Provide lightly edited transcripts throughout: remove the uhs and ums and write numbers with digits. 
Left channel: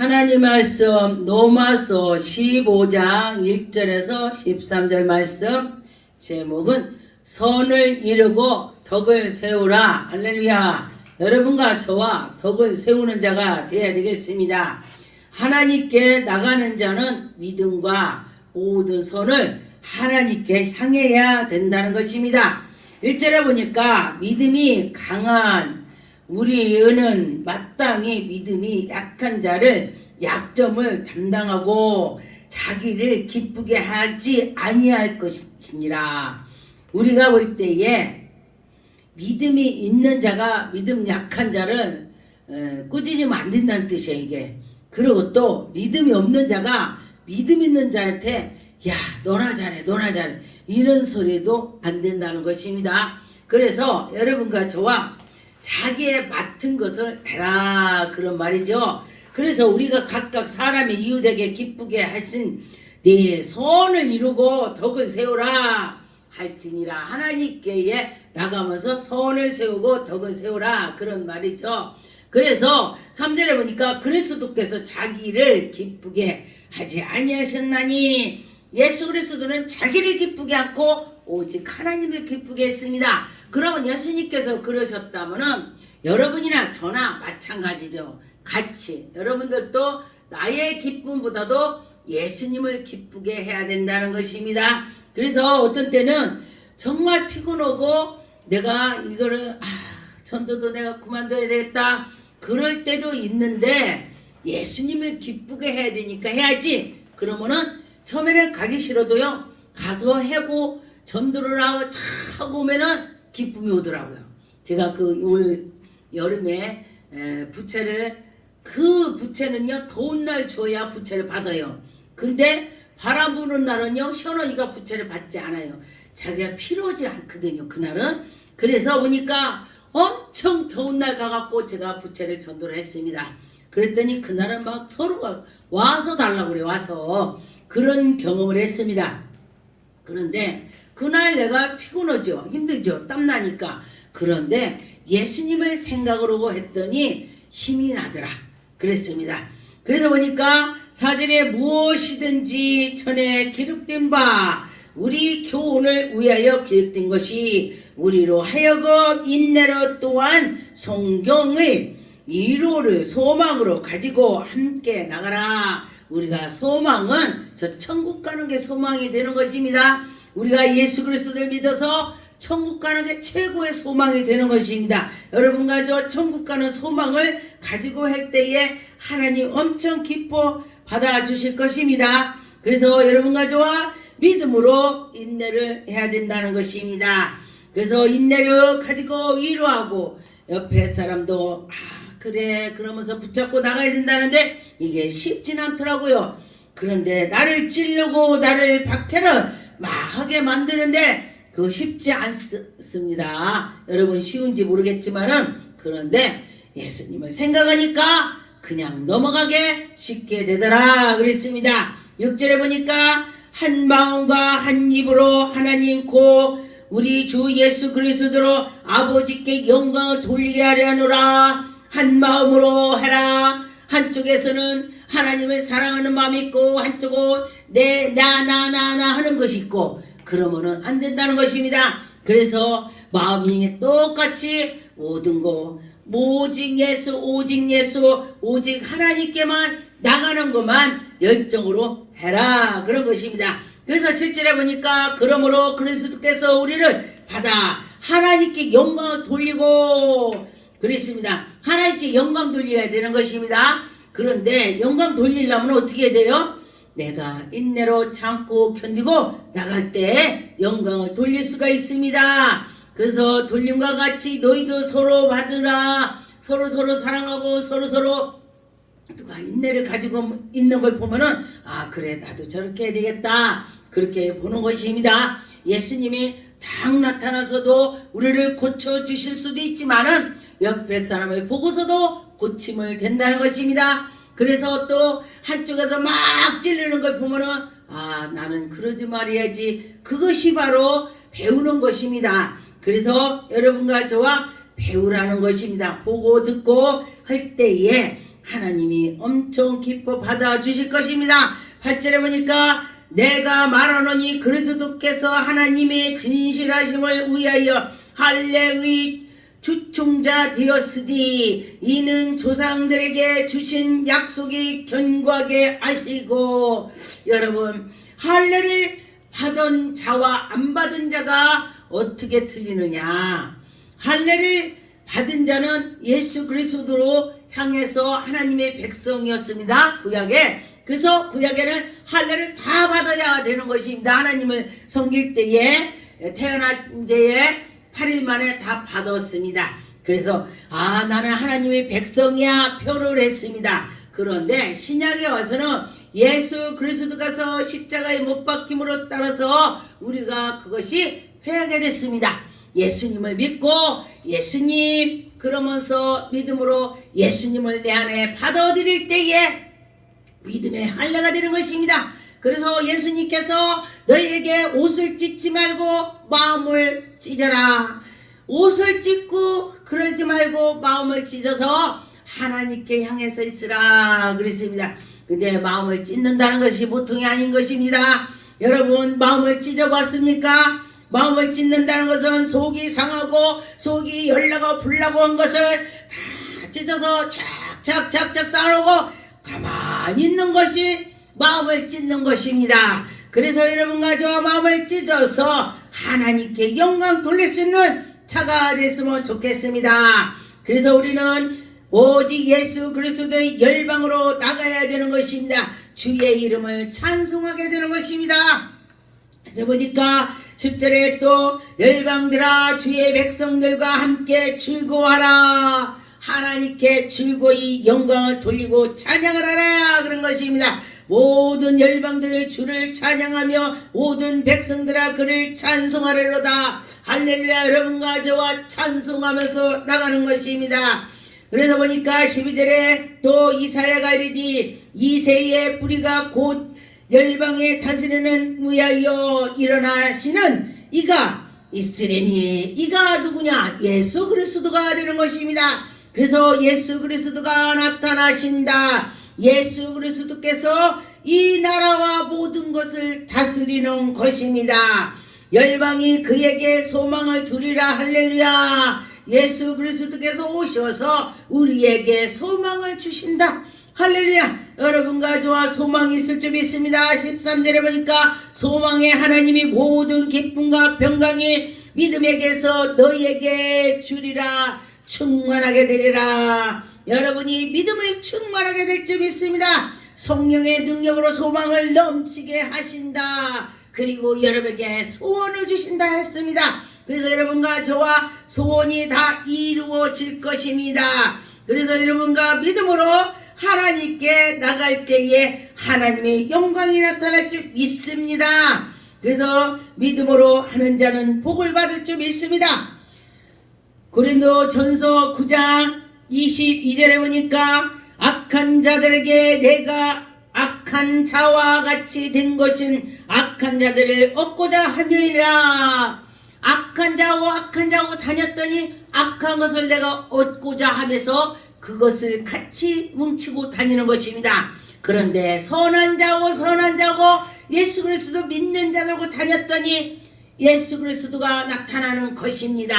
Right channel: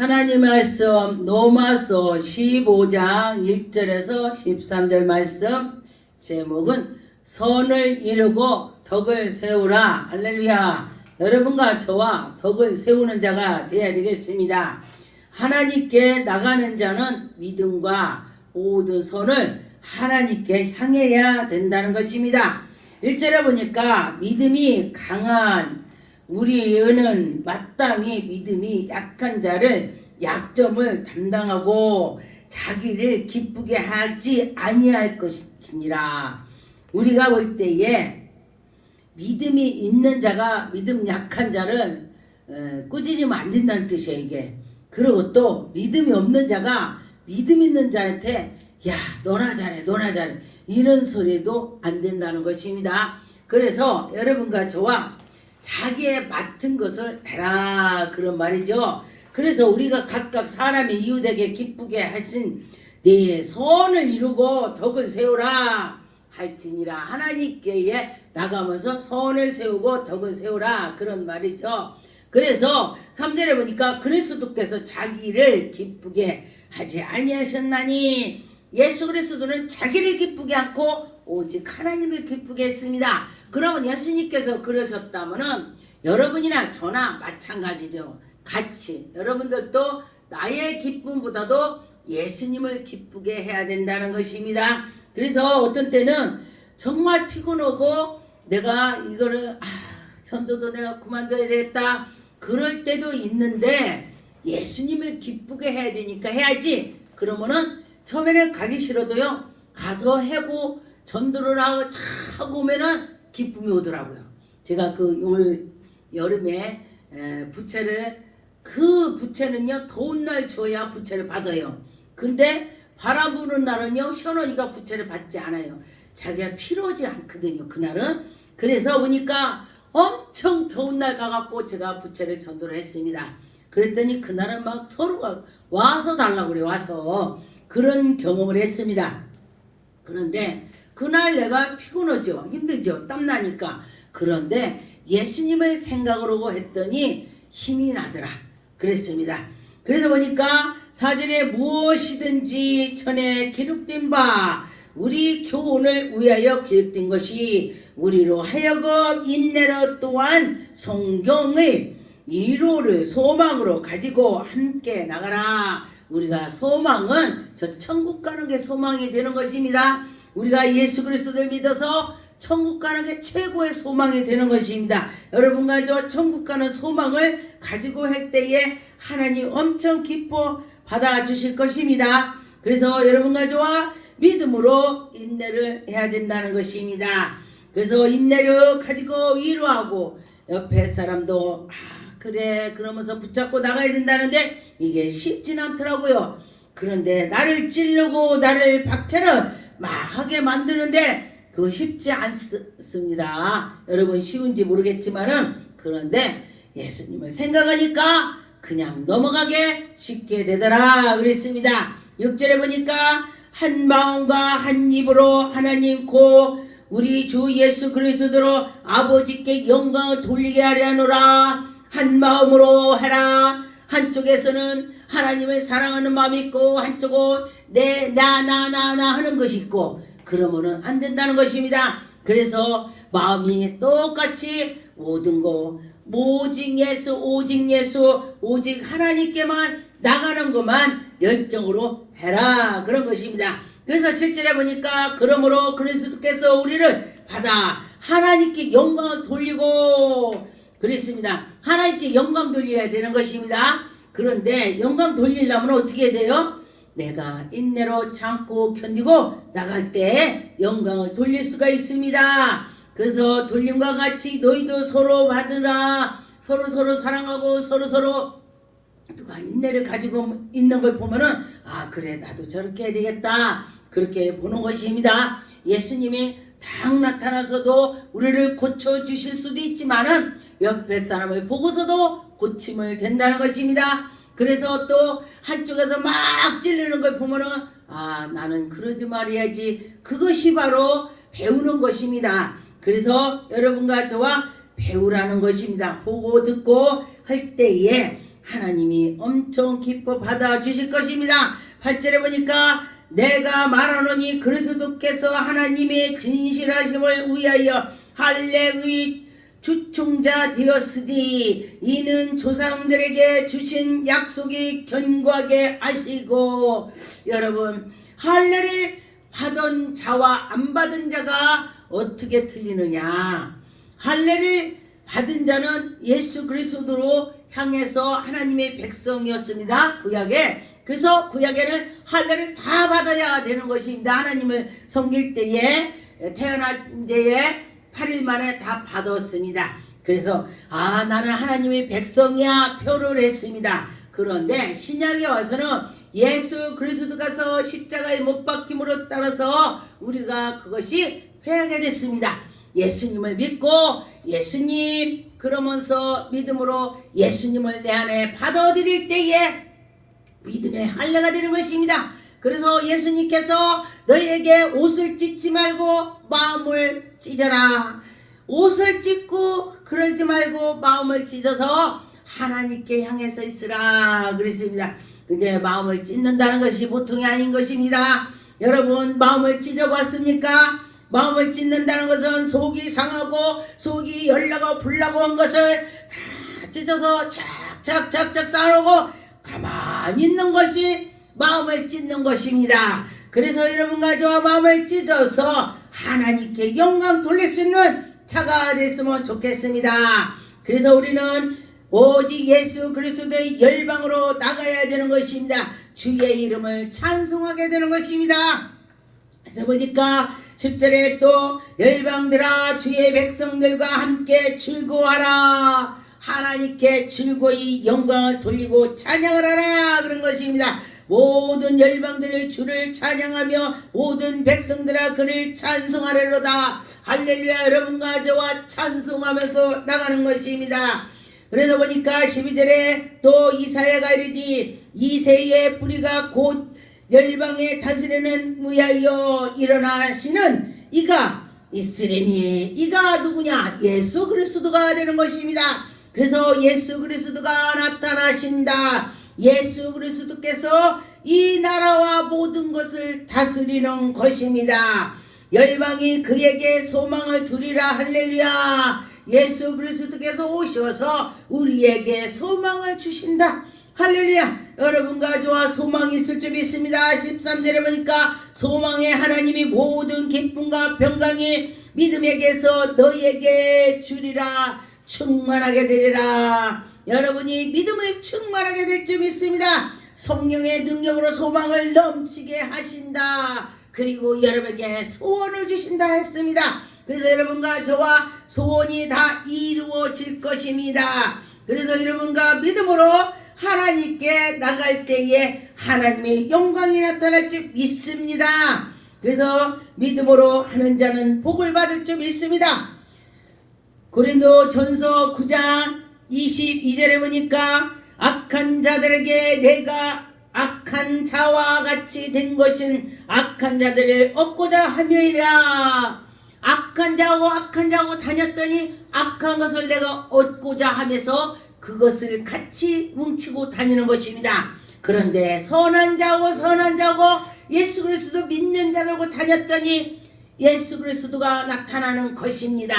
하나님 말씀 로마서 15장 1절에서 13절 말씀 제목은 선을 이루고 덕을 세우라. 할렐루야. 여러분과 저와 덕을 세우는 자가 되어야 되겠습니다. 하나님께 나가는 자는 믿음과 모든 선을 하나님께 향해야 된다는 것입니다. 1절에 보니까 믿음이 강한 우리는 마땅히 믿음이 약한 자를 약점을 담당하고 자기를 기쁘게 하지 아니할 것이니라. 우리가 볼 때에 믿음이 있는 자가 믿음 약한 자를 꾸짖으면 안 된다는 뜻이에요. 이게. 그리고 또 믿음이 없는 자가 믿음 있는 자한테 야 너나 잘해 너나 잘해 이런 소리도 안 된다는 것입니다. 그래서 여러분과 저와 자기의 맡은 것을 해라 그런 말이죠. 그래서 우리가 각각 사람의 이웃에게 기쁘게 하신 네 선을 이루고 덕을 세우라 할지니라. 하나님께 나가면서 선을 세우고 덕을 세우라 그런 말이죠. 그래서 3절에 보니까 그리스도께서 자기를 기쁘게 하지 아니하셨나니 예수 그리스도는 자기를 기쁘게 않고 오직 하나님을 기쁘게 했습니다. 그러면 예수님께서 그러셨다면은 여러분이나 저나 마찬가지죠. 같이 여러분들도 나의 기쁨보다도 예수님을 기쁘게 해야 된다는 것입니다. 그래서 어떤 때는 정말 피곤하고 내가 이거를 전도도 내가 그만둬야 되겠다 그럴 때도 있는데 예수님을 기쁘게 해야 되니까 해야지. 그러면은 처음에는 가기 싫어도요 가서 해고 전도를 하고 오면은 기쁨이 오더라고요. 제가 그 올 여름에 부채를 그 부채는요 더운 날 줘야 부채를 받아요. 근데 바람 부는 날은요 시원하니까 부채를 받지 않아요. 자기가 필요하지 않거든요 그날은. 그래서 보니까 엄청 더운 날 가갖고 제가 부채를 전도를 했습니다. 그랬더니 그날은 막 서로가 와서 달라고 그래. 와서 그런 경험을 했습니다. 그런데 그날 내가 피곤하죠. 힘들죠. 땀나니까. 그런데 예수님을 생각으로 했더니 힘이 나더라. 그랬습니다. 그래서 보니까 4절에 무엇이든지 전에 기록된 바 우리 교훈을 위하여 기록된 것이 우리로 하여금 인내로 또한 성경의 위로를 소망으로 가지고 함께 나가라. 우리가 소망은 저 천국 가는 게 소망이 되는 것입니다. 우리가 예수 그리스도를 믿어서 천국 가는 게 최고의 소망이 되는 것입니다. 여러분과 저 천국 가는 소망을 가지고 할 때에 하나님 엄청 기뻐 받아주실 것입니다. 그래서 여러분과 저와 믿음으로 인내를 해야 된다는 것입니다. 그래서 인내를 가지고 위로하고 옆에 사람도 그래 그러면서 붙잡고 나가야 된다는데 이게 쉽진 않더라고요. 그런데 나를 찌르고 나를 박해를 막 하게 만드는데 그거 쉽지 않습니다. 여러분 쉬운지 모르겠지만은 그런데 예수님을 생각하니까 그냥 넘어가게 쉽게 되더라 그랬습니다. 6절에 보니까 한 마음과 한 입으로 하나님 고 우리 주 예수 그리스도로 아버지께 영광을 돌리게 하려노라. 한 마음으로 하라. 한쪽에서는 하나님을 사랑하는 마음이 있고 한쪽은 나 하는 것이 있고 그러면은 안 된다는 것입니다. 그래서 마음이 똑같이 모든 거 오직 예수 오직 하나님께만 나가는 것만 열정으로 해라 그런 것입니다. 그래서 7절에 보니까 그러므로 그리스도께서 우리를 받아 하나님께 영광을 돌리고 그랬습니다. 하나님께 영광 돌려야 되는 것입니다. 그런데 영광 돌리려면 어떻게 돼요? 내가 인내로 참고 견디고 나갈 때 영광을 돌릴 수가 있습니다. 그래서 돌림과 같이 너희도 서로 받으라. 서로 사랑하고 서로 누가 인내를 가지고 있는 걸 보면은 그래 나도 저렇게 해야 되겠다 그렇게 보는 것입니다. 예수님이 딱 나타나서도 우리를 고쳐주실 수도 있지만은 옆에 사람을 보고서도 고침을 된다는 것입니다. 그래서 또 한쪽에서 막 찔리는 걸 보면은 나는 그러지 말아야지. 그것이 바로 배우는 것입니다. 그래서 여러분과 저와 배우라는 것입니다. 보고 듣고 할 때에 하나님이 엄청 기뻐 받아주실 것입니다. 8절에 보니까 내가 말하노니 그리스도께서 하나님의 진실하심을 위하여 할례의 주충자 되었으니 이는 조상들에게 주신 약속이 견고하게 하시고. 여러분, 할례를 받은 자와 안 받은 자가 어떻게 틀리느냐? 할례를 받은 자는 예수 그리스도로 향해서 하나님의 백성이었습니다. 구약에. 그래서 구약에는 할례를 다 받아야 되는 것입니다. 하나님을 섬길 때에 태어난 때에 8일 만에 다 받았습니다. 그래서 나는 하나님의 백성이야 표를 했습니다. 그런데 신약에 와서는 예수 그리스도가서 십자가에 못 박힘으로 따라서 우리가 그것이 회하게 됐습니다. 예수님을 믿고 예수님 그러면서 믿음으로 예수님을 내 안에 받아들일 때에 믿음의 할례가 되는 것입니다. 그래서 예수님께서 너희에게 옷을 찢지 말고 마음을 찢어라. 옷을 찢고 그러지 말고 마음을 찢어서 하나님께 향해서 있으라 그랬습니다. 근데 마음을 찢는다는 것이 보통이 아닌 것입니다. 여러분, 마음을 찢어봤습니까? 마음을 찢는다는 것은 속이 상하고 속이 열나고 불나고 한 것을 다 찢어서 착착착착 쌓아놓고 가만히 있는 것이 마음을 찢는 것입니다. 그래서 여러분과 저와 마음을 찢어서 하나님께 영광 돌릴 수 있는 자가 됐으면 좋겠습니다. 그래서 우리는 오직 예수 그리스도의 열방으로 나가야 되는 것입니다. 주의 이름을 찬송하게 되는 것입니다. 그래서 보니까 10절에 또 열방들아 주의 백성들과 함께 즐거워하라. 하나님께 즐거이 영광을 돌리고 찬양을 하라 그런 것입니다. 모든 열방들의 주를 찬양하며 모든 백성들아 그를 찬송하리로다. 할렐루야. 여러분과 저와 찬송하면서 나가는 것입니다. 그래서 보니까 12절에 또 이사야가 이르되 이새의 뿌리가 곧 열방에 다스리는 위하여 일어나시는 이가 있으리니 이가 누구냐? 예수 그리스도가 되는 것입니다. 그래서 예수 그리스도가 나타나신다. 예수 그리스도께서 이 나라와 모든 것을 다스리는 것입니다. 열방이 그에게 소망을 두리라. 할렐루야. 예수 그리스도께서 오셔서 우리에게 소망을 주신다. 할렐루야. 여러분과 저와 소망이 있을 줄 믿습니다. 13절에 보니까 소망의 하나님이 모든 기쁨과 평강이 믿음에게서 너희에게 주리라. 충만하게 되리라. 여러분이 믿음을 충만하게 될 줄 믿습니다. 성령의 능력으로 소망을 넘치게 하신다. 그리고 여러분에게 소원을 주신다 했습니다. 그래서 여러분과 저와 소원이 다 이루어질 것입니다. 그래서 여러분과 믿음으로 하나님께 나갈 때에 하나님의 영광이 나타날 줄 믿습니다. 그래서 믿음으로 하는 자는 복을 받을 줄 믿습니다. 고린도 전서 9장 22절에 보니까 악한 자들에게 내가 악한 자와 같이 된 것은 악한 자들을 얻고자 함이라. 악한 자하고 다녔더니 악한 것을 내가 얻고자 하면서 그것을 같이 뭉치고 다니는 것입니다. 그런데 선한 자하고 예수 그리스도 믿는 자들하고 다녔더니 예수 그리스도가 나타나는 것입니다.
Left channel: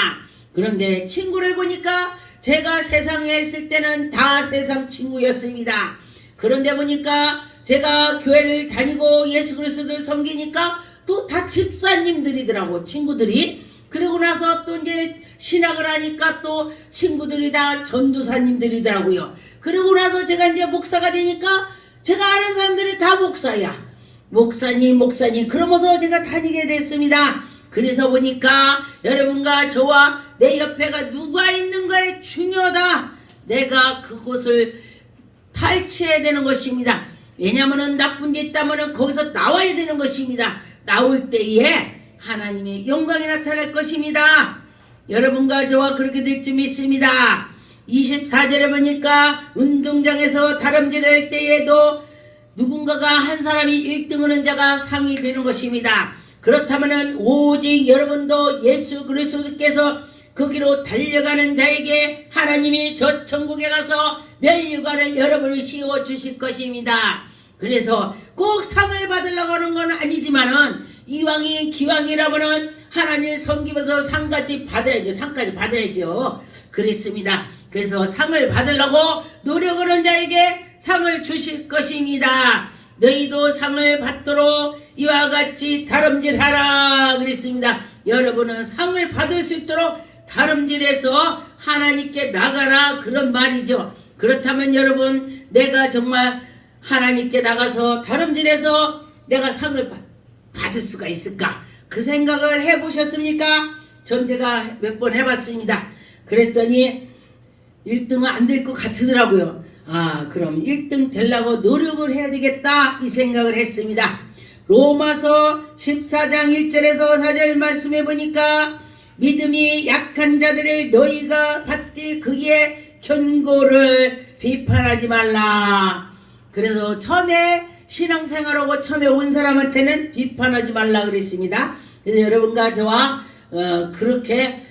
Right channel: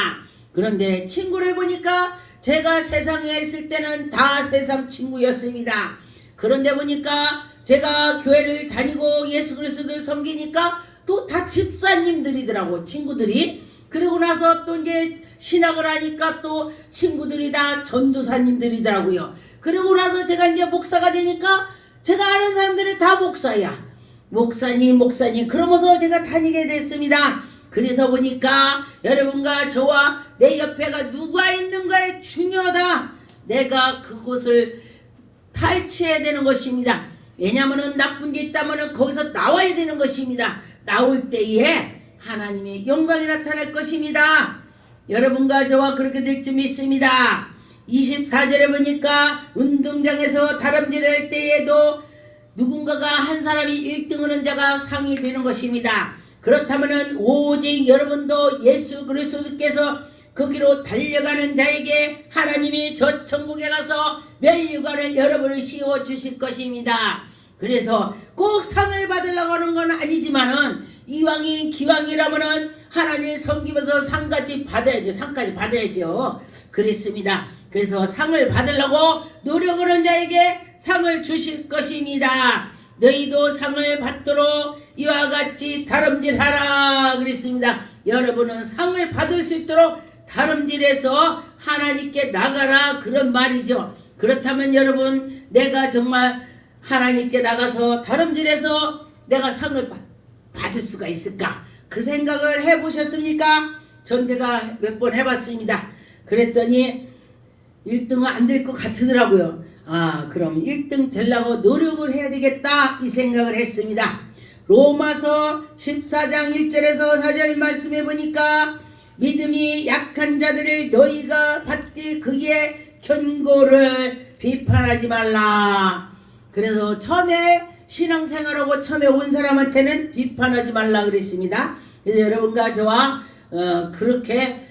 그런데 친구를 보니까 제가 세상에 있을 때는 다 세상 친구였습니다. 그런데 보니까 제가 교회를 다니고 예수 그리스도를 섬기니까 또 다 집사님들이더라고, 친구들이. 그리고 나서 또 이제 신학을 하니까 또 친구들이 다 전도사님들이더라고요. 그러고 나서 제가 이제 목사가 되니까 제가 아는 사람들이 다 목사야. 목사님 그러면서 제가 다니게 됐습니다. 그래서 보니까 여러분과 저와 내 옆에가 누가 있는가에 중요하다. 내가 그곳을 탈취해야 되는 것입니다. 왜냐하면 나쁜 데 있다면 거기서 나와야 되는 것입니다. 나올 때에 하나님의 영광이 나타날 것입니다. 여러분과 저와 그렇게 될 줄 믿습니다. 24절에 보니까 운동장에서 다름질할 때에도 누군가가 한 사람이 1등 하는 자가 상이 되는 것입니다. 그렇다면 오직 여러분도 예수 그리스도께서 거기로 달려가는 자에게 하나님이 저 천국에 가서 멸류관을 여러분을 씌워 주실 것입니다. 그래서 꼭 상을 받으려고 하는 건 아니지만은 이왕이 기왕이라면은 하나님을 섬기면서 상까지 받아야죠. 상까지 받아야죠. 그랬습니다. 그래서 상을 받으려고 노력하는 자에게 상을 주실 것입니다. 너희도 상을 받도록 이와 같이 다름질하라 그랬습니다. 여러분은 상을 받을 수 있도록 다름질해서 하나님께 나가라 그런 말이죠. 그렇다면 여러분, 내가 정말 하나님께 나가서 다름질해서 내가 상을 받을 수가 있을까? 그 생각을 해보셨습니까? 전 제가 몇 번 해봤습니다. 그랬더니 1등은 안 될 것 같더라고요. 그럼 1등 되려고 노력을 해야 되겠다 이 생각을 했습니다. 로마서 14장 1절에서 4절 말씀해 보니까 믿음이 약한 자들을 너희가 받되 그의 견고를 비판하지 말라. 그래서 처음에 신앙생활하고 처음에 온 사람한테는 비판하지 말라 그랬습니다. 그래서 여러분과 저와 그렇게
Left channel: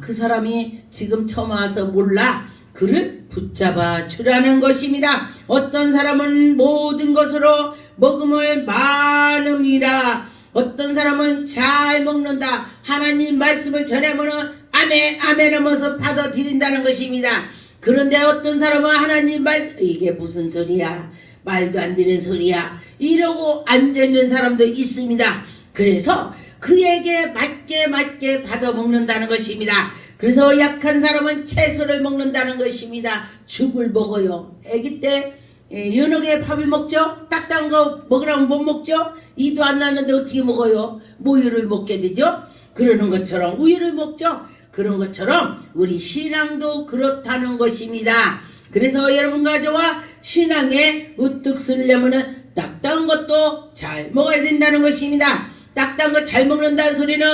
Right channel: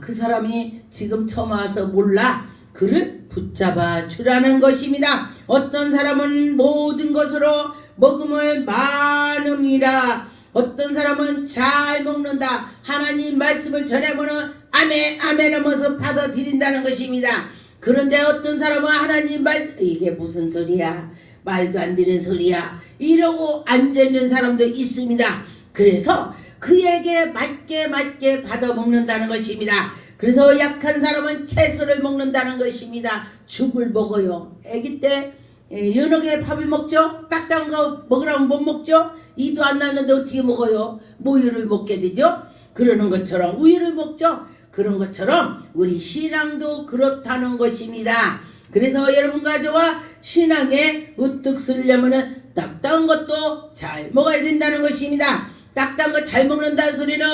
그 사람이 지금 처음 와서 몰라 그를 붙잡아 주라는 것입니다. 어떤 사람은 모든 것으로 먹음을 많음이라. 어떤 사람은 잘 먹는다. 하나님 말씀을 전해보는 아멘 아멘 하면서 받아들인다는 것입니다. 그런데 어떤 사람은 하나님 말씀 이게 무슨 소리야, 말도 안 되는 소리야 이러고 앉아있는 사람도 있습니다. 그래서 그에게 맞게 받아먹는다는 것입니다. 그래서 약한 사람은 채소를 먹는다는 것입니다. 죽을 먹어요. 아기 때 여러 개의 밥을 먹죠. 딱딱한 거 먹으라면 못 먹죠. 이도 안 나는데 어떻게 먹어요? 모유를 먹게 되죠. 그러는 것처럼 우유를 먹죠. 그런 것처럼 우리 신앙도 그렇다는 것입니다. 그래서 여러분과 저와 신앙에 우뚝 서려면 딱딱한 것도 잘 먹어야 된다는 것입니다. 딱딱한 거 잘 먹는다는 소리는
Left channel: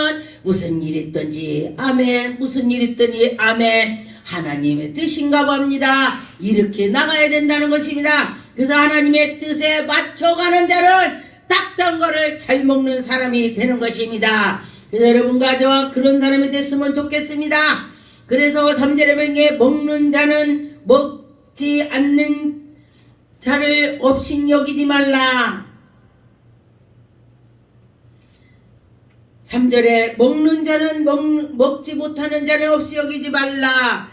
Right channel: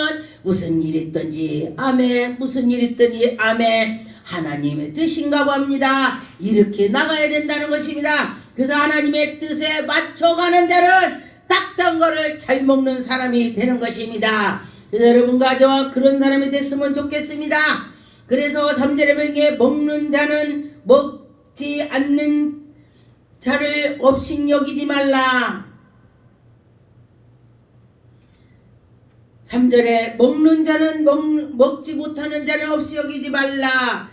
무슨 일 있든지 아멘, 무슨 일 있더니 아멘, 하나님의 뜻인가 봅니다. 이렇게 나가야 된다는 것입니다. 그래서 하나님의 뜻에 맞춰가는 자는 딱딱한 거를 잘 먹는 사람이 되는 것입니다. 그래서 여러분과 저와 그런 사람이 됐으면 좋겠습니다. 그래서 3절에 보니까 먹는 자는 먹지 않는 자를 업신여기지 말라. 3절에 먹는 자는 먹지 못하는 자를 없이 여기지 말라.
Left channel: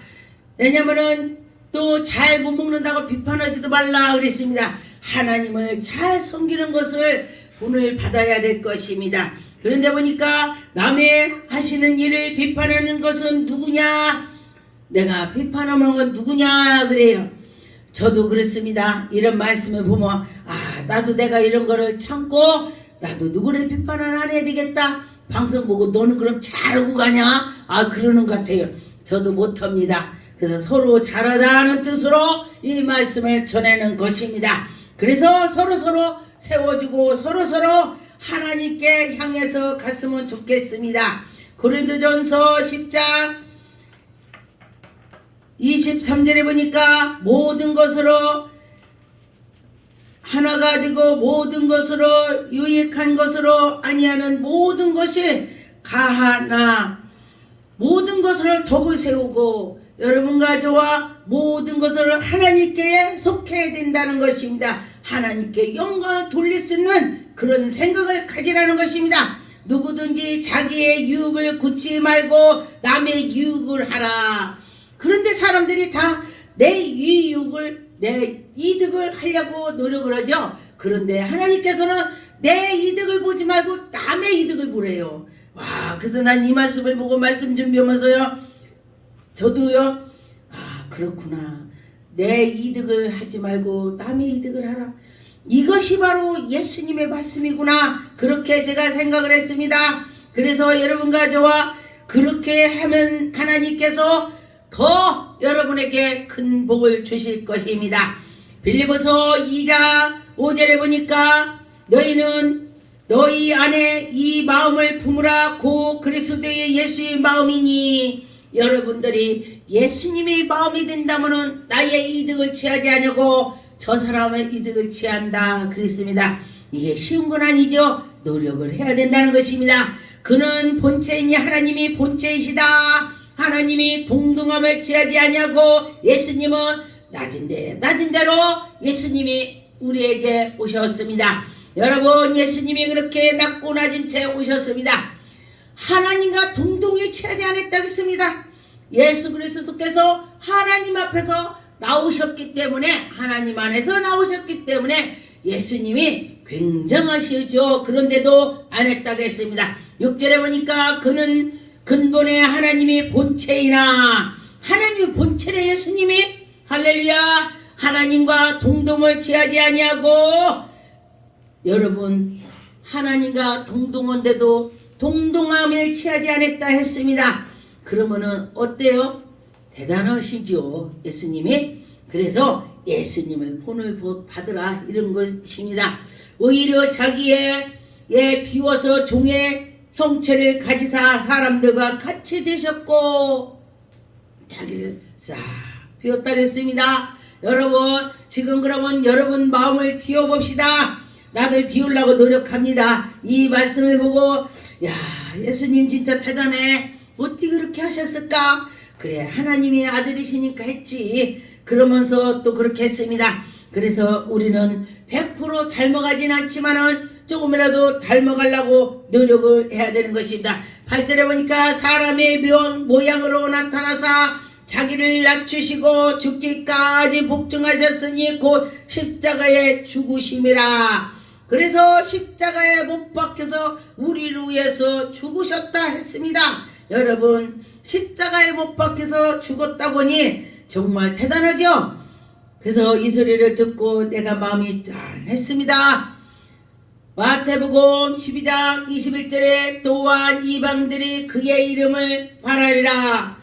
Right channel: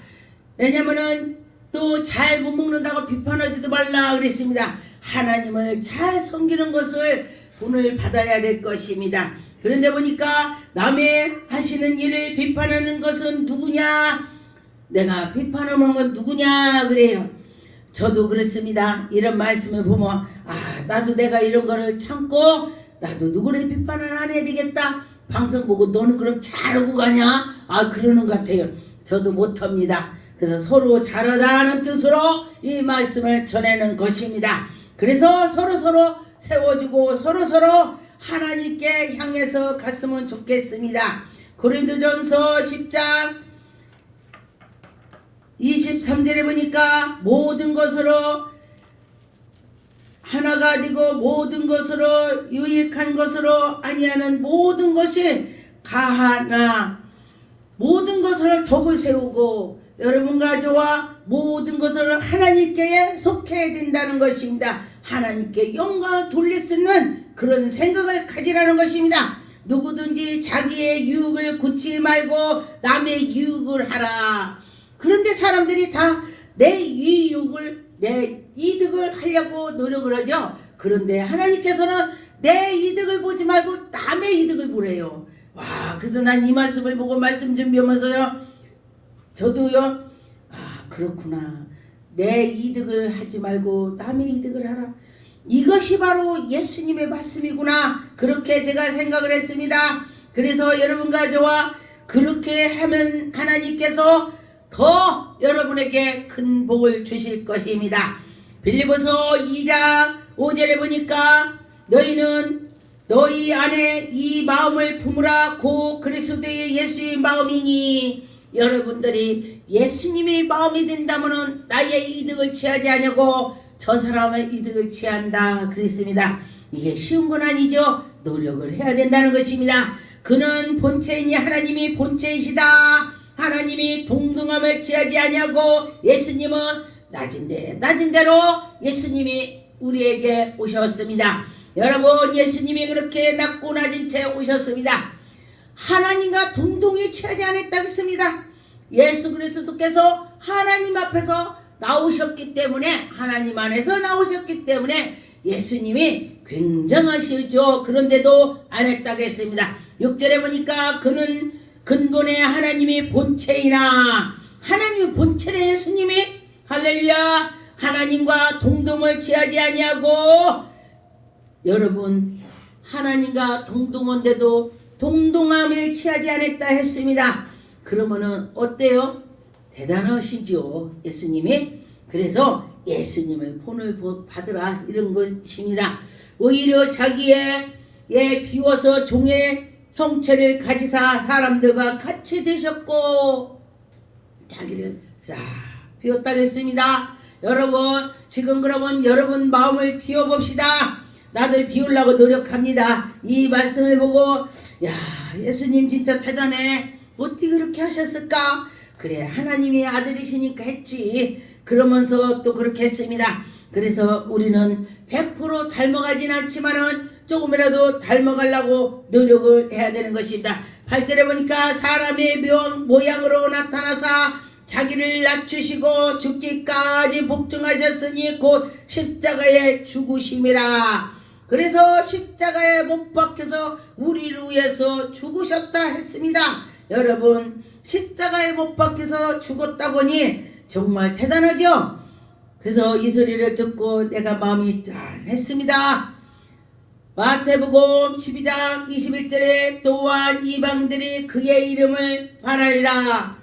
왜냐면은 또 잘 못 먹는다고 비판하지도 말라 그랬습니다. 하나님을 잘 섬기는 것을 본을 받아야 될 것입니다. 그런데 보니까 남의 하시는 일을 비판하는 것은 누구냐? 내가 비판하는 건 누구냐 그래요. 저도 그렇습니다. 이런 말씀을 보면 나도 내가 이런 거를 참고 나도 누구를 비판을 안 해야 되겠다. 방송 보고 너는 그럼 잘하고 가냐? 그러는 것 같아요. 저도 못합니다. 그래서 서로 잘하자는 뜻으로 이 말씀을 전하는 것입니다. 그래서 서로 세워주고 서로 하나님께 향해서 갔으면 좋겠습니다. 고린도전서 10장 23절에 보니까 모든 것으로 하나가 되고 모든 것으로 유익한 것으로 아니하는 모든 것이 가하나 모든 것으로 덕을 세우고 여러분과 저와 모든 것을 하나님께 속해야 된다는 것입니다. 하나님께 영광을 돌릴 수 있는 그런 생각을 가지라는 것입니다. 누구든지 자기의 유익을 굳지 말고 남의 유익을 하라. 그런데 사람들이 다 내 유익을 내 이득을 하려고 노력을 하죠. 그런데 하나님께서는 내 이득을 보지 말고 남의 이득을 보래요. 그래서 난 이 말씀을 보고 말씀 준비하면서요, 저도요, 그렇구나. 내 이득을 하지 말고 남의 이득을 하라. 이것이 바로 예수님의 말씀이구나. 그렇게 제가 생각을 했습니다. 그래서 여러분과 저와 그렇게 하면 하나님께서 더 여러분에게 큰 복을 주실 것입니다. 빌립보서 2장 5절에 보니까 너희는 너희 안에 이 마음을 품으라. 고 그리스도의 예수의 마음이니. 여러분들이 예수님의 마음이 된다면 나의 이득을 취하지 않고 저 사람의 이득을 취한다 그랬습니다. 이게 쉬운 건 아니죠. 노력을 해야 된다는 것입니다. 그는 본체이니 하나님이 본체이시다. 하나님이 동등함을 취하지 아니하고 예수님은 낮은 대로 예수님이 우리에게 오셨습니다. 여러분, 예수님이 그렇게 낮고 낮은 채 오셨습니다. 하나님과 동등히 취하지 않았다고 했습니다. 예수 그리스도께서 하나님 앞에서 나오셨기 때문에, 하나님 안에서 나오셨기 때문에 예수님이 굉장하시죠. 그런데도 안 했다고 했습니다. 6절에 보니까 그는 근본의 하나님이 본체이나, 하나님이 본체의 예수님이, 할렐루야, 하나님과 동등을 취하지 아니하고, 여러분, 하나님과 동등한데도 동등함을 취하지 않았다 했습니다. 그러면은 어때요? 대단하시죠, 예수님이. 그래서 예수님을 본을 받으라, 이런 것입니다. 오히려 자기의 비워서 종의 형체를 가지사 사람들과 같이 되셨고, 자기를 싹 비웠다고 했습니다. 여러분, 지금 그러면 여러분 마음을 비워봅시다. 나도 비우려고 노력합니다. 이 말씀을 보고, 야, 예수님 진짜 대단해, 어떻게 그렇게 하셨을까? 그래, 하나님이 아들이시니까 했지. 그러면서 또 그렇게 했습니다. 그래서 우리는 100% 닮아가진 않지만은 조금이라도 닮아가려고 노력을 해야 되는 것입니다. 8절에 보니까 사람의 모양으로 나타나사 자기를 낮추시고 죽기까지 복종하셨으니 곧 십자가에 죽으심이라. 그래서 십자가에 못 박혀서 우리를 위해서 죽으셨다 했습니다. 여러분, 십자가에 못 박혀서 죽었다 보니 정말 대단하죠? 그래서 이 소리를 듣고 내가 마음이 짠했습니다. 마태복음 12장 21절에 또한 이방들이 그의 이름을 바라리라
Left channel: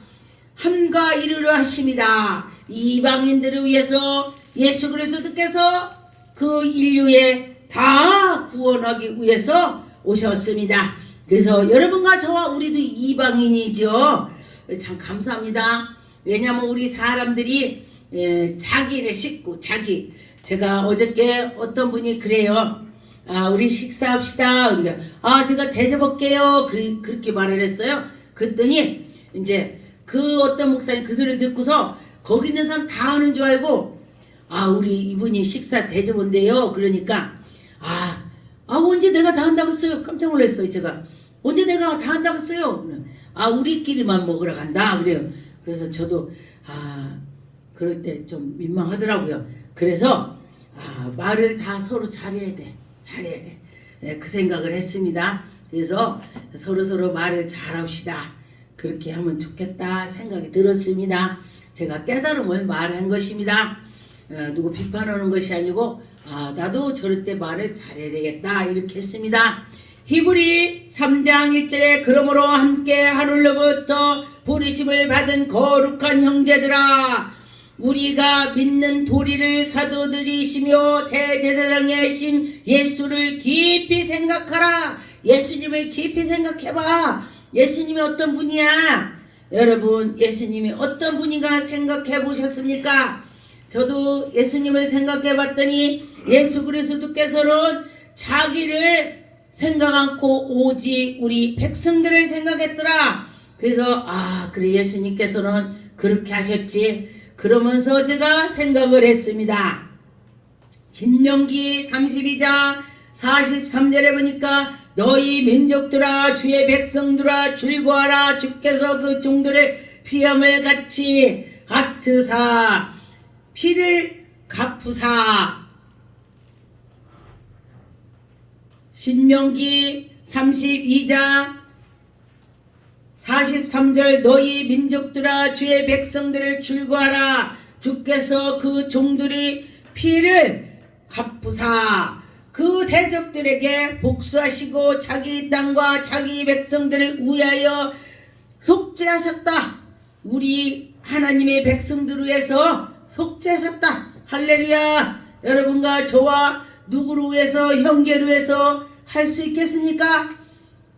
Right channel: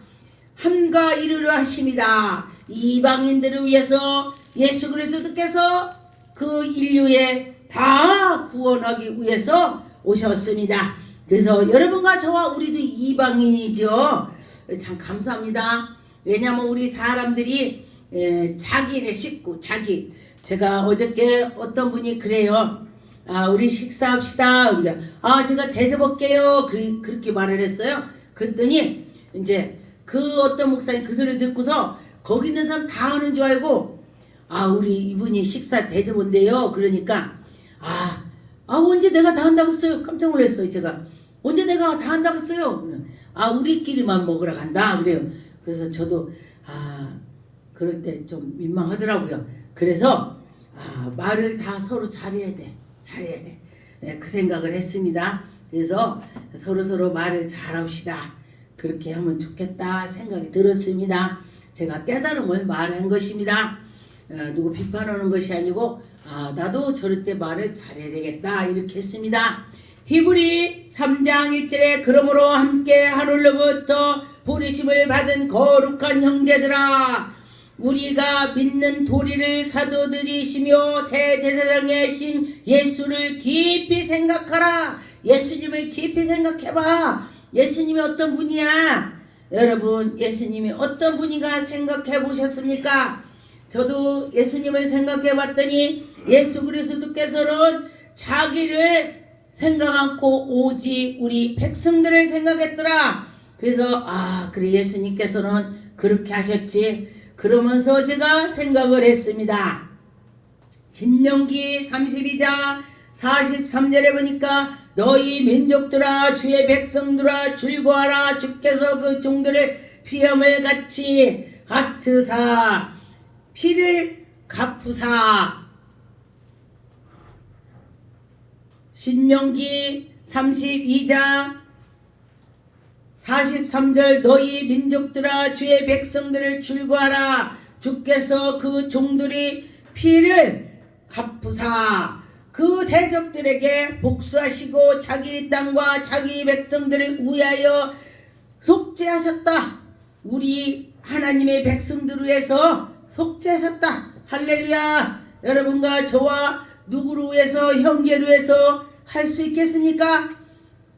함과 이르려 하십니다. 이방인들을 위해서 예수 그리스도께서 그 인류에 다 구원하기 위해서 오셨습니다. 그래서 여러분과 저와 우리도 이방인이죠. 참 감사합니다. 왜냐하면 우리 사람들이 자기를 싣고 제가 어저께 어떤 분이 그래요. 우리 식사합시다. 제가 대접할게요. 그렇게 말을 했어요. 그랬더니 이제 그 어떤 목사님 그 소리 듣고서 거기 있는 사람 다 하는 줄 알고, 우리 이분이 식사 대접한대요. 그러니까 언제 내가 다 한다고 했어요. 깜짝 놀랐어요. 제가 언제 내가 다 한다고 했어요. 우리끼리만 먹으러 간다 그래요. 그래서 저도 그럴 때 좀 민망하더라고요. 그래서 말을 다 서로 잘해야 돼. 그 생각을 했습니다. 그래서 서로 말을 잘합시다. 그렇게 하면 좋겠다 생각이 들었습니다. 제가 깨달음을 말한 것입니다. 누구 비판하는 것이 아니고 나도 저럴 때 말을 잘해야 되겠다 이렇게 했습니다. 히브리 3장 1절에 그러므로 함께 하늘로부터 부르심을 받은 거룩한 형제들아, 우리가 믿는 도리를 사도들이시며 대제사장의 신 예수를 깊이 생각하라. 예수님을 깊이 생각해봐. 예수님이 어떤 분이야? 여러분, 예수님이 어떤 분인가 생각해 보셨습니까? 저도 예수님을 생각해 봤더니 예수 그리스도께서는 자기를 생각 않고 오직 우리 백성들을 생각했더라. 그래서 그래, 예수님께서는 그렇게 하셨지. 그러면서 제가 생각을 했습니다. 신명기 32장 43절에 보니까 너희 민족들아 주의 백성들아 즐거워하라. 주께서 그 종들의 피함을 같이 핫으사 피를 갚으사. 신명기 32장 43절 너희 민족들아 주의 백성들을 즐거워하라. 주께서 그 종들이 피를 갚으사 그 대적들에게 복수하시고 자기 땅과 자기 백성들을 위하여 속죄하셨다. 우리 하나님의 백성들을 위해서 속죄하셨다. 할렐루야. 여러분과 저와 누구를 위해서, 형제를 위해서 할 수 있겠습니까?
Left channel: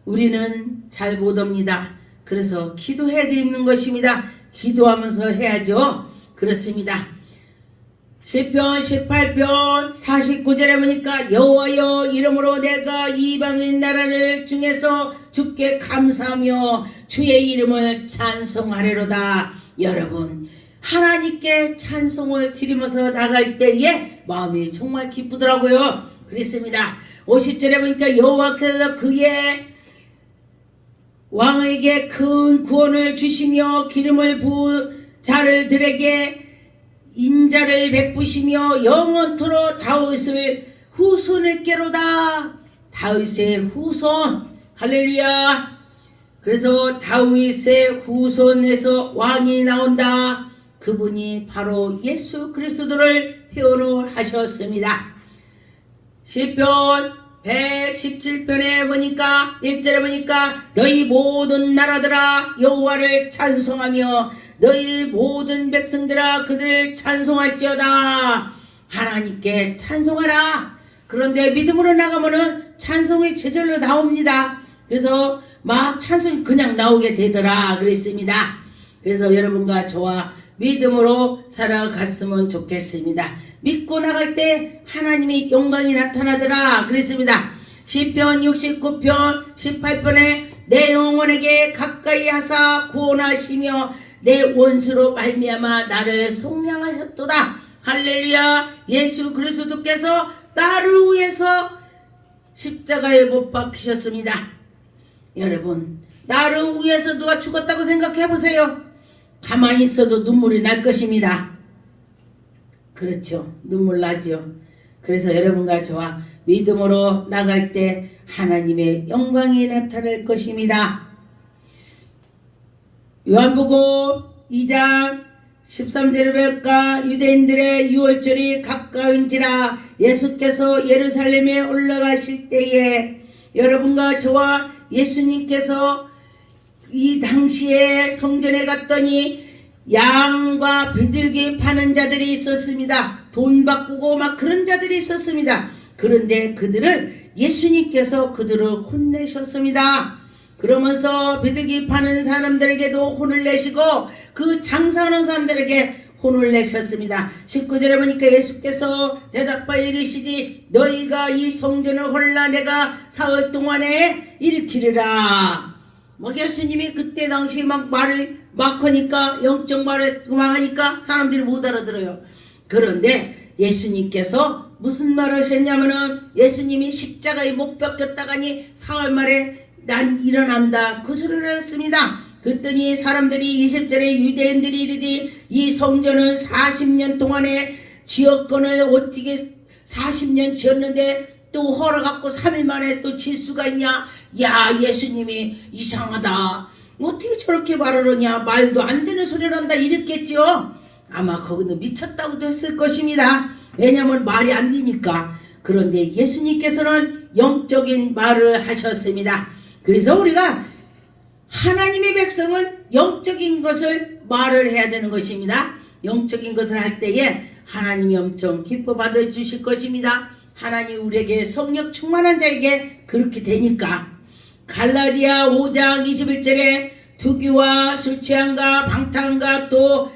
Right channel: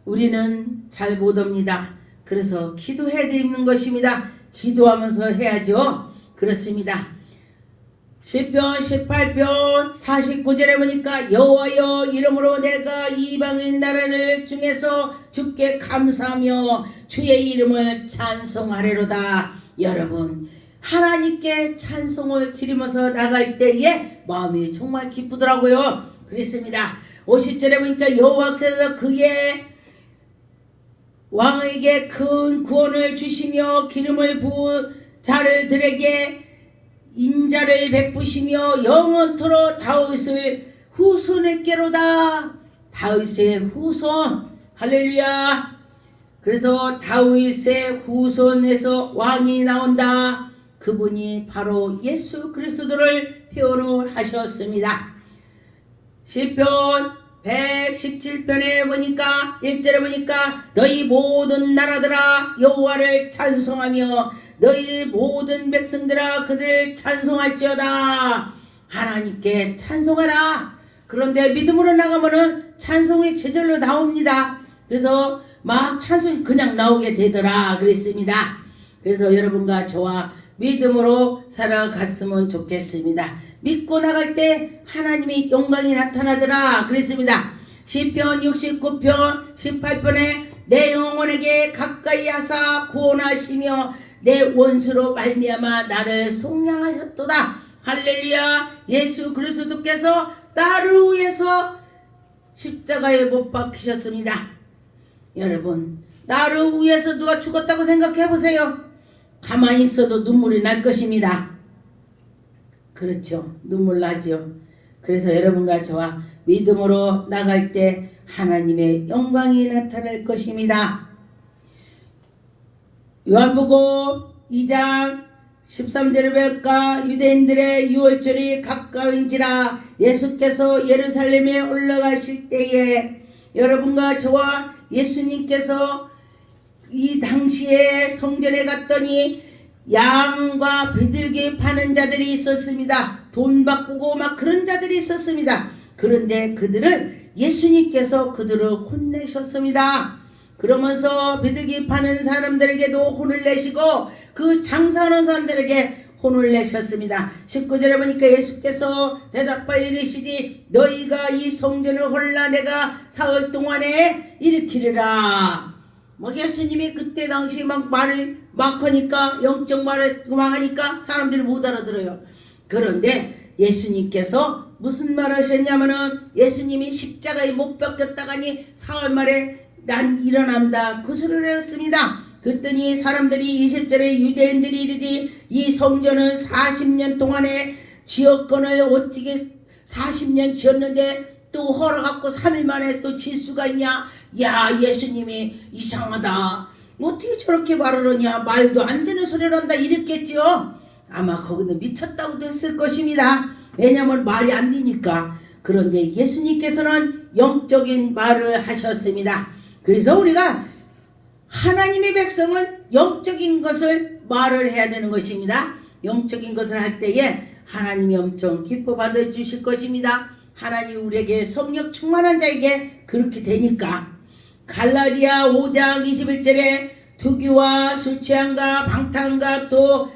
우리는 잘 못합니다. 그래서 기도해야 되는 것입니다. 기도하면서 해야죠. 그렇습니다. 시편 18편 49절에 보니까 여호와여 이름으로 내가 이방인 나라를 중에서 주께 감사하며 주의 이름을 찬송하리로다. 여러분 하나님께 찬송을 드리면서 나갈 때에 마음이 정말 기쁘더라고요. 그렇습니다. 50절에 보니까 여호와께서 그의 왕에게 큰 구원을 주시며 기름을 부은 자들에게 인자를 베푸시며 영원토록 다윗을 후손에게로다. 다윗의 후손 할렐루야. 그래서 다윗의 후손에서 왕이 나온다. 그분이 바로 예수 그리스도를 표현을 하셨습니다. 시편 117편에 보니까 1절에 보니까 너희 모든 나라들아 여호와를 찬송하며 너희 모든 백성들아 그들을 찬송할지어다. 하나님께 찬송하라. 그런데 믿음으로 나가면은 찬송이 제절로 나옵니다. 그래서 막 찬송이 그냥 나오게 되더라 그랬습니다. 그래서 여러분과 저와 믿음으로 살아갔으면 좋겠습니다. 믿고 나갈 때 하나님의 영광이 나타나더라 그랬습니다. 시편 69편 18편에 내 영혼에게 가까이 하사 구원하시며 내 원수로 말미암아 나를 속량하셨도다. 할렐루야. 예수 그리스도께서 나를 위해서 십자가에 못 박히셨습니다. 여러분 나를 위해서 누가 죽었다고 생각해 보세요. 가만히 있어도 눈물이 날 것입니다. 그렇죠. 눈물 나죠. 그래서 여러분과 저와 믿음으로 나갈 때 하나님의 영광이 나타날 것입니다. 요한복음 2장 13절을 볼까. 유대인들의 유월절이 가까운지라 예수께서 예루살렘에 올라가실 때에 여러분과 저와 예수님께서 이 당시에 성전에 갔더니 양과 비둘기 파는 자들이 있었습니다. 돈 바꾸고 막 그런 자들이 있었습니다. 그런데 그들을 예수님께서 그들을 혼내셨습니다. 그러면서 비둘기 파는 사람들에게도 혼을 내시고 그 장사하는 사람들에게 혼을 내셨습니다. 19절에 보니까 예수께서 대답하여 이르시되 너희가 이 성전을 홀라 내가 사흘 동안에 일으키리라. 막 예수님이 그때 당시 막 말을 막 하니까 영적 말을 막 하니까 사람들이 못 알아들어요. 그런데 예수님께서 무슨 말 하셨냐면은 예수님이 십자가에 못 박혔다가니 사흘 만에 난 일어난다 그 소리를 했습니다. 그랬더니 사람들이 20절에 유대인들이 이르되 이 성전은 40년 동안에 지었건을 어떻게 40년 지었는데 또 허락받고 3일 만에 또 질 수가 있냐. 야 예수님이 이상하다. 어떻게 저렇게 말을 하냐. 말도 안 되는 소리를 한다 이랬겠죠. 아마 거기는 미쳤다고도 했을 것입니다. 왜냐하면 말이 안 되니까. 그런데 예수님께서는 영적인 말을 하셨습니다. 그래서 우리가 하나님의 백성은 영적인 것을 말을 해야 되는 것입니다. 영적인 것을 할 때에 하나님이 엄청 기뻐 받아주실 것입니다. 하나님이 우리에게 성령 충만한 자에게 그렇게 되니까. 갈라디아 5장 21절에 투기와 술취함과 방탕과 또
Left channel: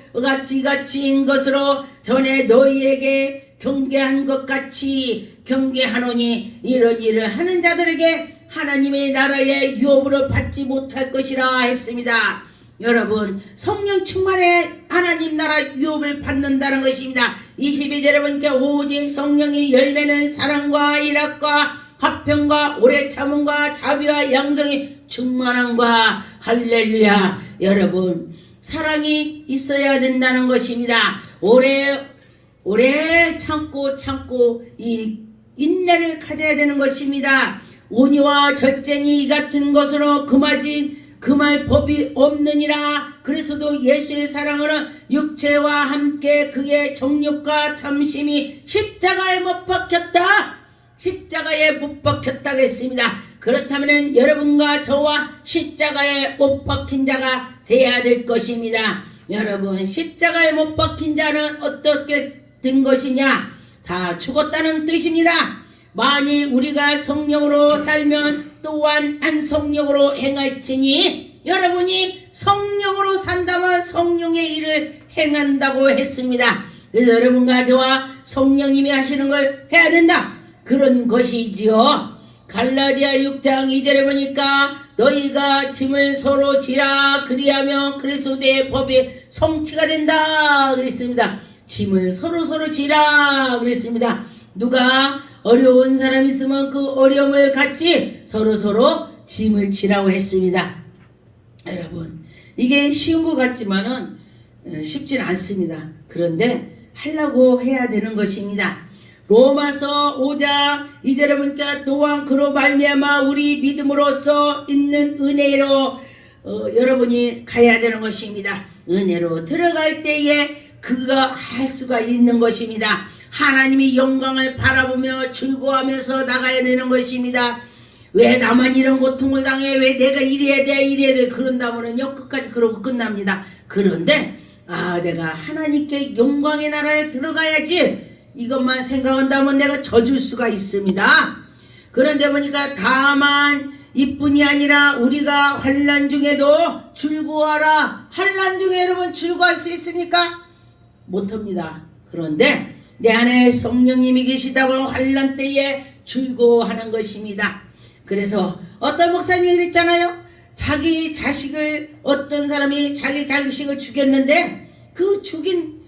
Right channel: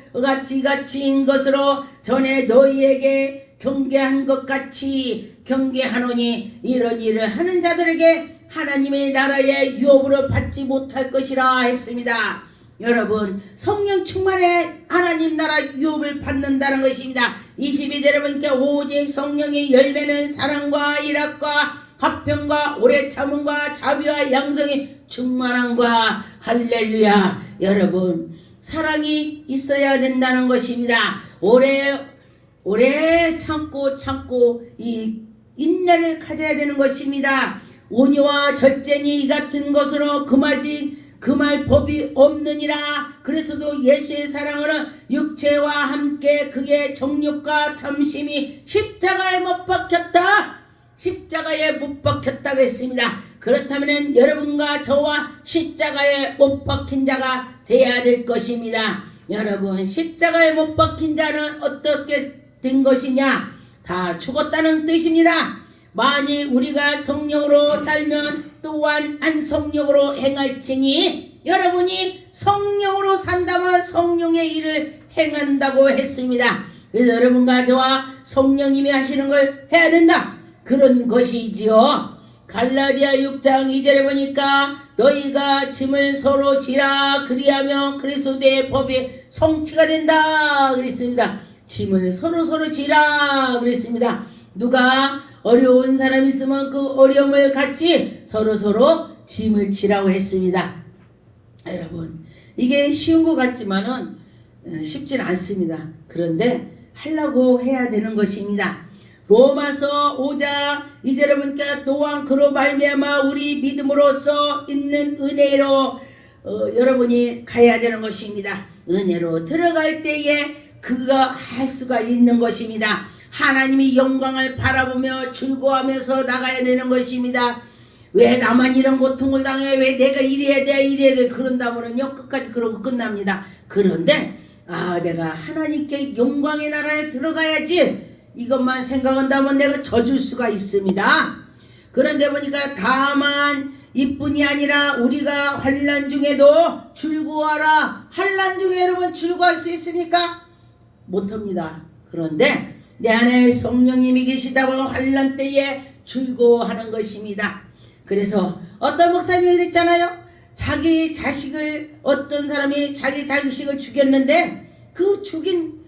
같이인 것으로 전에 너희에게 경계한 것 같이 경계하노니 이런 일을 하는 자들에게 하나님의 나라의 유업으로 받지 못할 것이라 했습니다. 여러분 성령 충만에 하나님 나라 유업을 받는다는 것입니다. 22절에 보니까 오직 성령의 열매는 사랑과 일학과 화평과 오래 참음과 자비와 양성의 충만함과 할렐루야. 여러분 사랑이 있어야 된다는 것입니다. 오래 참고 이 인내를 가져야 되는 것입니다. 온유와 절제니 이 같은 것으로 금할 법이 없느니라. 그래서도 예수의 사랑은 육체와 함께 그의 정욕과 탐심이 십자가에 못 박혔다. 십자가에 못 박혔다고 했습니다. 그렇다면 여러분과 저와 십자가에 못 박힌 자가 되어야 될 것입니다. 여러분 십자가에 못 박힌 자는 어떻게 된 것이냐. 다 죽었다는 뜻입니다. 만일 우리가 성령으로 살면 또한 한 성령으로 행할지니 여러분이 성령으로 산다면 성령의 일을 행한다고 했습니다. 그래서 여러분과 저와 성령님이 하시는 걸 해야 된다. 그런 것이지요. 갈라디아 6장 2절에 보니까 너희가 짐을 서로 지라 그리하면 그리스도의 법이 성취가 된다 그랬습니다. 짐을 서로 지라 그랬습니다. 누가 어려운 사람 있으면 그 어려움을 같이 서로 짐을 지라고 했습니다. 여러분, 이게 쉬운 것 같지만은 쉽진 않습니다. 그런데 하려고 해야 되는 것입니다. 로마서 5장 2절에 보니까 또한 그로 말미암아 우리 믿음으로써 있는 은혜로 여러분이 가야 되는 것입니다. 은혜로 들어갈 때에 그가 할 수가 있는 것입니다. 하나님이 영광을 바라보며 즐거워하면서 나가야 되는 것입니다. 왜 나만 이런 고통을 당해? 왜 내가 이래야 돼? 그런다면요 끝까지 그러고 끝납니다. 그런데 내가 하나님께 영광의 나라를 들어가야지 이것만 생각한다면 내가 져줄 수가 있습니다. 그런데 보니까 다만 이뿐이 아니라 우리가 환난 중에도 즐거워하라. 환난 중에 여러분 즐거워할 수 있습니까? 못합니다. 그런데 내 안에 성령님이 계시다면 환난 때에 즐거워하는 것입니다. 그래서 어떤 목사님이 그랬잖아요. 자기 자식을 어떤 사람이 자기 자식을 죽였는데 그 죽인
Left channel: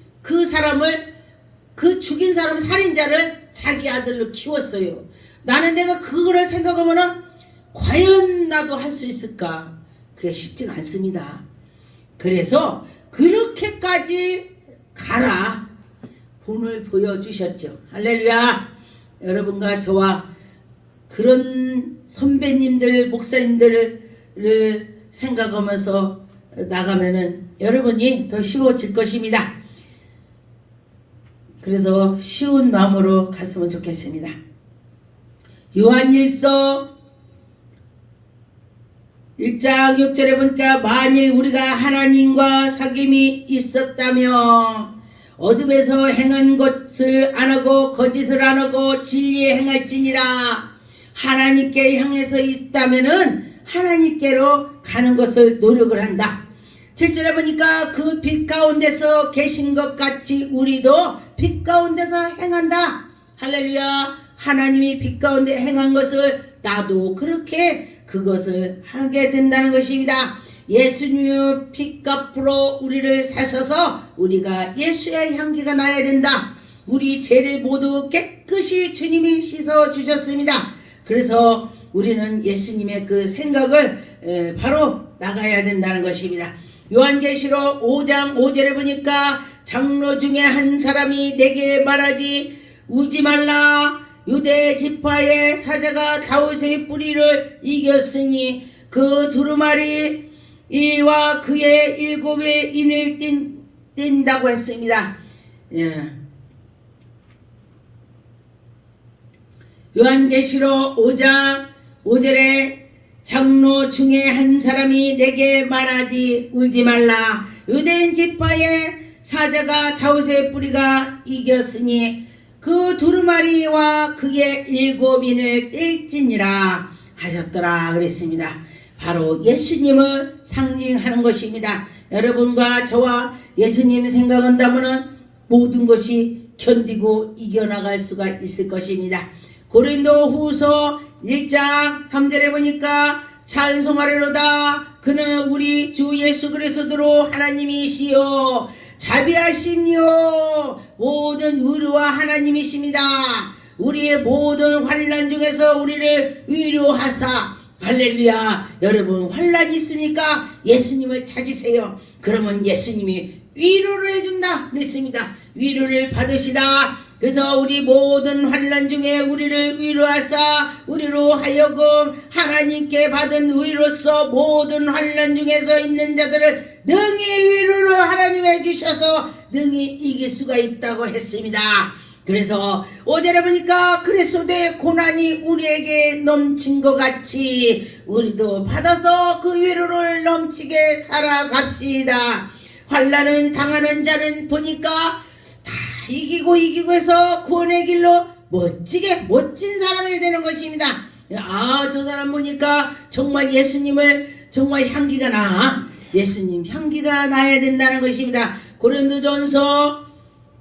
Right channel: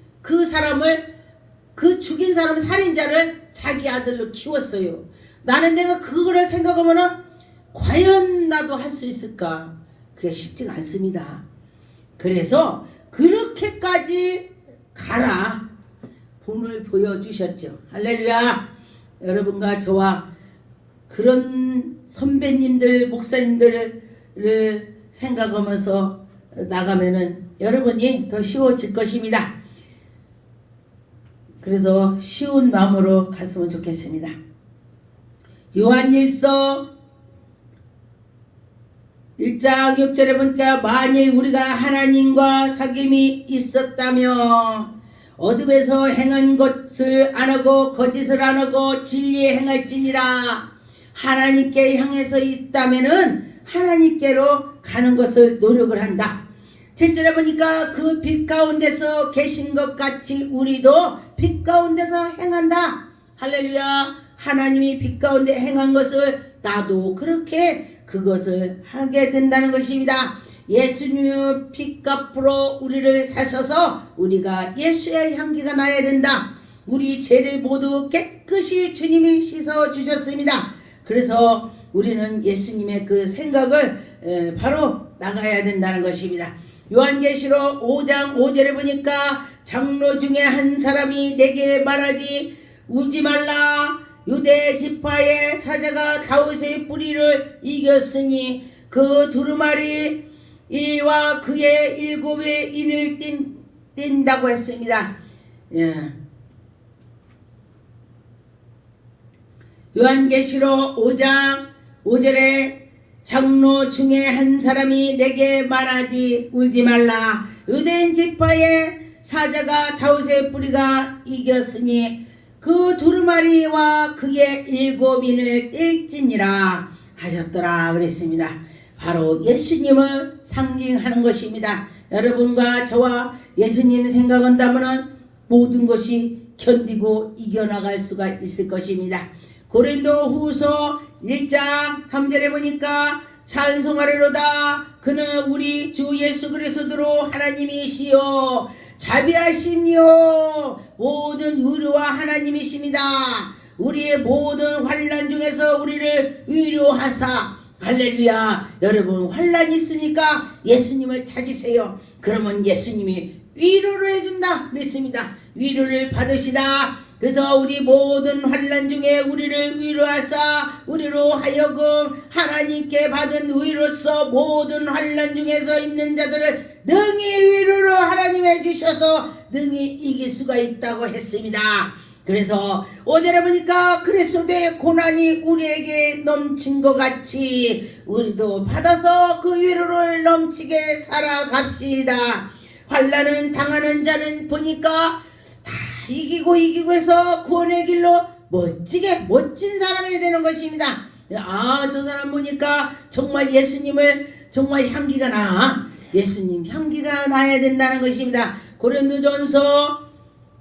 사람 살인자를 자기 아들로 키웠어요. 나는 내가 그거를 생각하면은 과연 나도 할 수 있을까? 그게 쉽지가 않습니다. 그래서 그렇게까지 가라 본을 보여주셨죠. 할렐루야. 여러분과 저와 그런 선배님들 목사님들을 생각하면서 나가면은 여러분이 더 쉬워질 것입니다. 그래서 쉬운 마음으로 갔으면 좋겠습니다. 요한일서 1장 6절에 보니까 만일 우리가 하나님과 사귐이 있었다며 어둠에서 행한 것을 안 하고 거짓을 안 하고 진리에 행할지니라. 하나님께 향해서 있다면은 하나님께로 가는 것을 노력을 한다. 7절에 보니까 그 빛 가운데서 계신 것 같이 우리도 빛 가운데서 행한다. 할렐루야. 하나님이 빛 가운데 행한 것을 나도 그렇게 그것을 하게 된다는 것입니다. 예수님의 핏값으로 우리를 사셔서 우리가 예수의 향기가 나야 된다. 우리 죄를 모두 깨끗이 주님이 씻어 주셨습니다. 그래서 우리는 예수님의 그 생각을 바로 나가야 된다는 것입니다. 요한계시록 5장 5절에 보니까 장로 중에 한 사람이 내게 말하기 울지 말라. 유대 지파의 사자가 다윗의 뿌리를 이겼으니 그 두루마리 이와 그의 7의 인을 띈다고 했습니다. 요한계시록 5장 5절에 장로 중에 한 사람이 내게 말하디 울지 말라. 유대인 지파의 사자가 다윗의 뿌리가 이겼으니 그 두루마리와 그의 7인을 뗄지니라 하셨더라 그랬습니다. 바로 예수님을 상징하는 것입니다. 여러분과 저와 예수님 생각한다면 모든 것이 견디고 이겨나갈 수가 있을 것입니다. 고린도후서 1장 3절에 보니까 찬송하리로다. 그는 우리 주 예수 그리스도로 하나님이시요 자비하시며 모든 의로와 하나님이십니다. 우리의 모든 환난 중에서 우리를 위로하사. 할렐루야. 여러분 환난이 있습니까? 예수님을 찾으세요. 그러면 예수님이 위로를 해준다 그랬습니다. 위로를 받으시다. 그래서 우리 모든 환난 중에 우리를 위로하사 우리로 하여금 하나님께 받은 위로서 모든 환난 중에서 있는 자들을 능히 위로를 하나님 해주셔서 능히 이길 수가 있다고 했습니다. 그래서 5절에 보니까 그리스도의 고난이 우리에게 넘친 것 같이 우리도 받아서 그 위로를 넘치게 살아갑시다. 환난은 당하는 자는 보니까 다 이기고 해서 구원의 길로 멋진 사람이 되는 것입니다. 저 사람 보니까 정말 예수님을 정말 향기가 나. 예수님 향기가 나야 된다는 것입니다. 고린도전서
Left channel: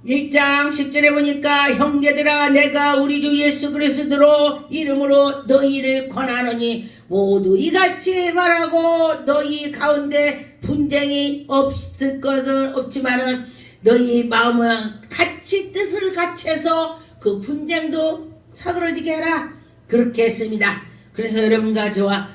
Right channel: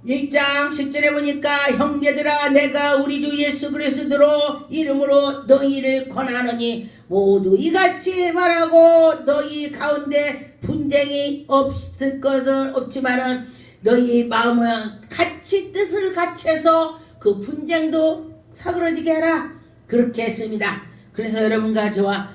1장 10절에 보니까 형제들아 내가 우리 주 예수 그리스도로 이름으로 너희를 권하노니 모두 이같이 말하고 너희 가운데 분쟁이 없을 것은 없지만은 너희 마음은 같이 뜻을 같이 해서 그 분쟁도 사그러지게 하라 그렇게 했습니다. 그래서 여러분과 저와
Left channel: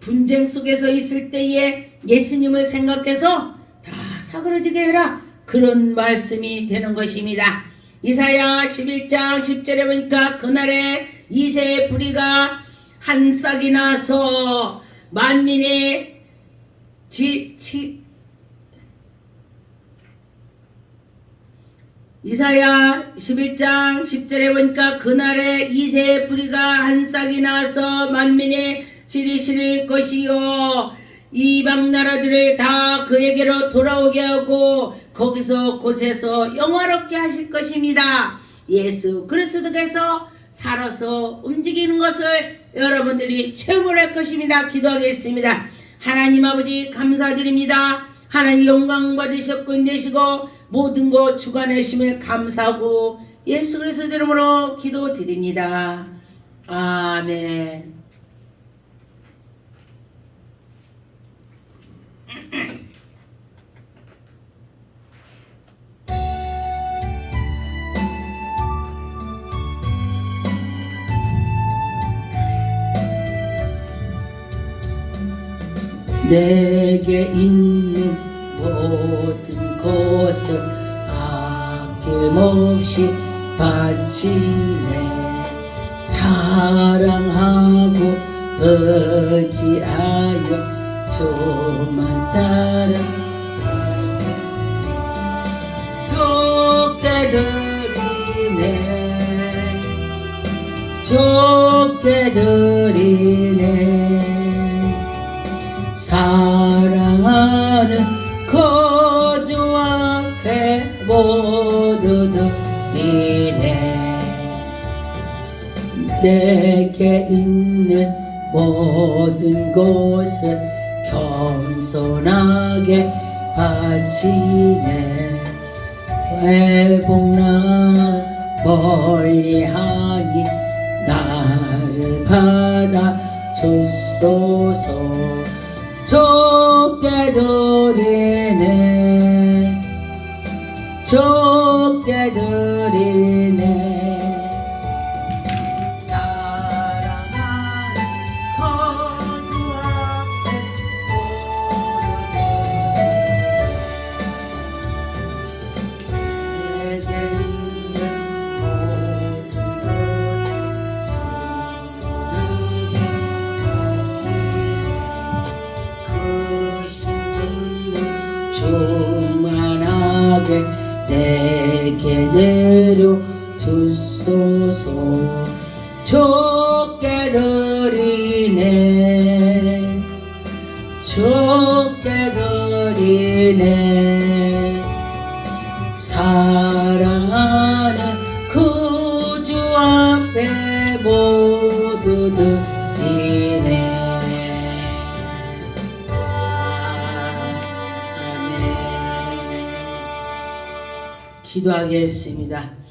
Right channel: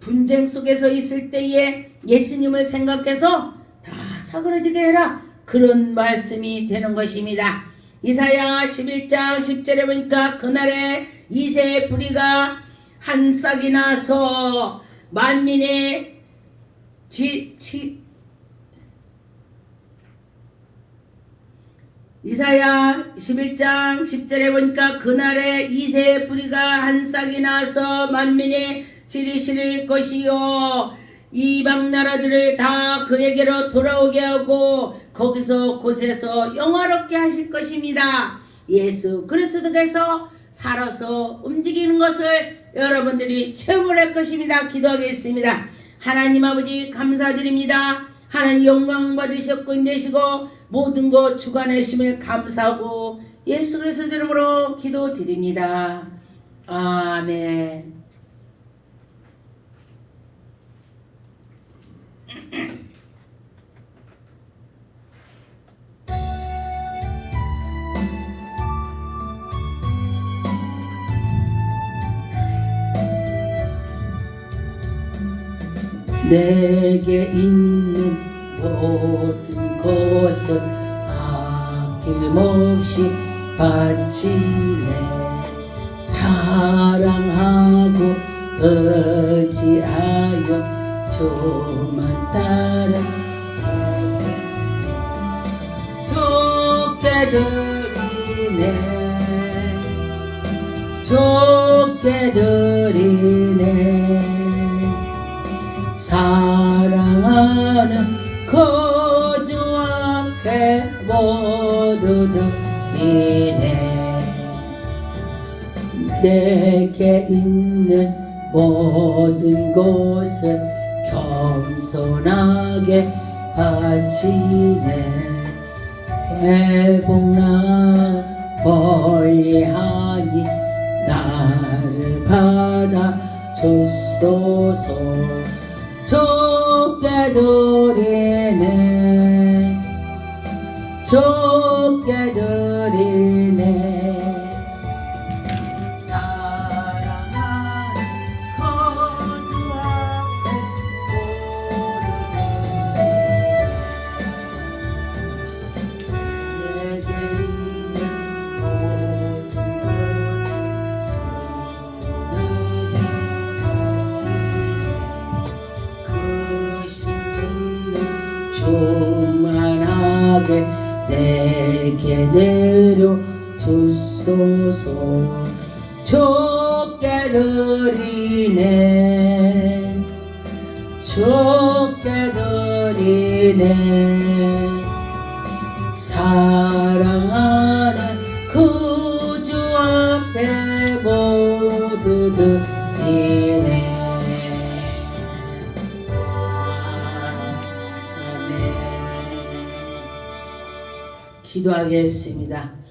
분쟁 속에서 있을 때에 예수님을 생각해서 다 사그러지게 해라 그런 말씀이 되는 것입니다. 이사야 11장 10절에 보니까 그날에 이새의 뿌리가 한 싹이 나서 만민의 이사야 11장 10절에 보니까 그날에 이새의 뿌리가 한 싹이 나서 만민의 지리실 것이요 이방 나라들을 다 그에게로 돌아오게 하고 거기서 곳에서 영화롭게 하실 것입니다. 예수 그리스도께서 살아서 움직이는 것을 여러분들이 체험을 할 것입니다. 기도하겠습니다. 하나님 아버지 감사드립니다. 하나님 영광 받으셨고 인되시고 모든 것 주관하심을 감사하고 예수 그리스도 이름으로 기도드립니다. 아멘. 내게 있는 모든 것을 아낌없이 바치네 사랑하고 의지하여 주만 따라 좁게 드리네 좁게 드리네 사랑하는 거주 앞에 모두 드리네 내게 있는 모든 것을 겸손하게 바치네 회복나 멀리하니 나를 받아 주소서 좁게 드리네 좁게 드리네 사랑하는 거주 앞에 내게 있는 모든 교만하게 내게 내려 주소서 좁게 드리네 좁게 드리네 사랑하는 구주 앞에 모두 드리네 기도하겠습니다.